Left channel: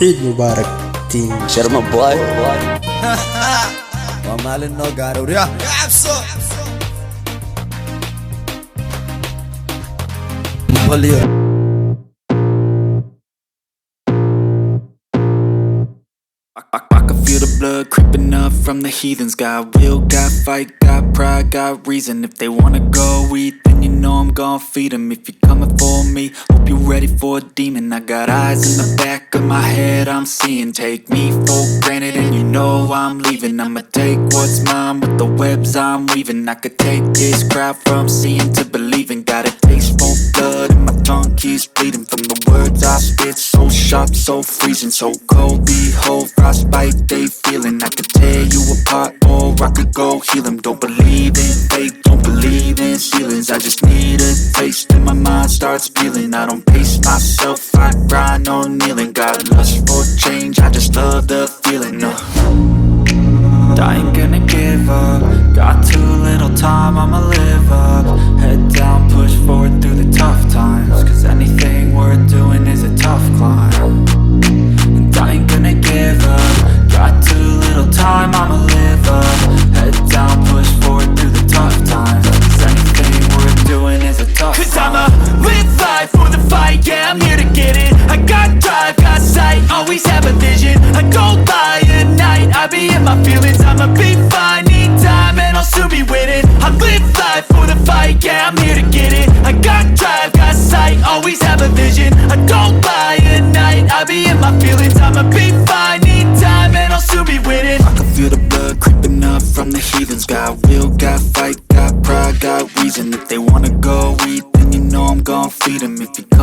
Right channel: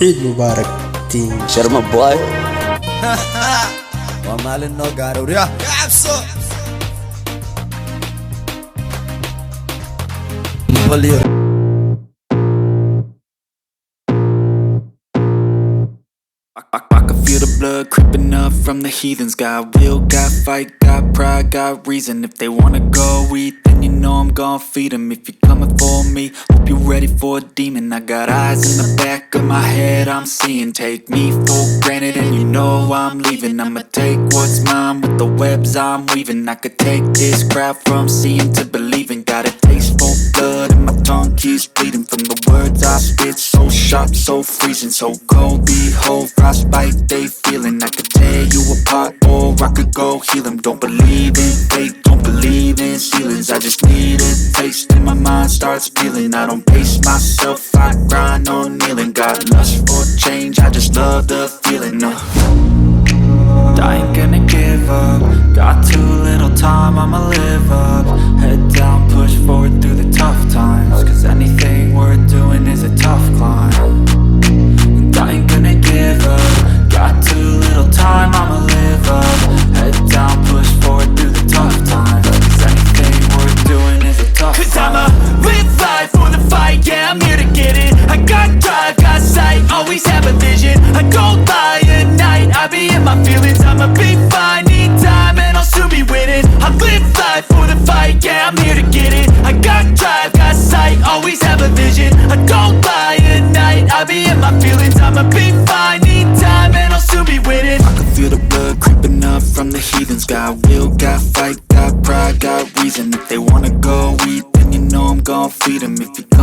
Eid Mubarak team Sharma boy. waa maalin noo gaara warya cabso I can feel the blood creeping up from the heathens. Got will, got fight, got pride, got reason. If they wanna go eat, then you know I'm gon' feed them. If you're coming for me, hope you're ready for a demon. I got eyes in the back of my head, I'm seeing. Take me for granted and you know I'm leaving. I'ma take what's mine with the webs I'm weaving. I could take this crowd from seeing to believing. Got a taste for blood and my tongue keeps bleeding. From the words I spit, so sharp, so freezing. So cold, behold, frostbite they feeling. I could tear you apart or I could go heal them. Don't believe in fate, don't believe in ceilings. I just need a taste and my mind starts peeling. I don't pace myself, I grind on kneeling. Got lust for change, I just love the feeling. I ain't gonna give up. Got too little time, I'ma live up. Head down, push forward through the tough times. Cause anything worth doing is a tough climb. And I ain't gonna give up. Got too little time, I'ma live up. Head down, push forward through the tough times. Cause anything worth doing is a tough climb. Cause I'ma live life for the fight, yeah, I'm here to get it. I got drive, got sight, always have a vision. I don't lie at night, I be in my feelings. I'ma be fine, need time and I'll soon be winning. I live life for the fight, yeah, I'm here to get it. I got drive, got sight, always have a vision. I don't lie at night, I be in my feelings. I'ma be fine, need time and I'll soon be winning. I can feel the blood creeping up from the heathens. Got will, got fight, got pride, got reason. If they wanna go eat, then you know I'm gon' feed them. If you come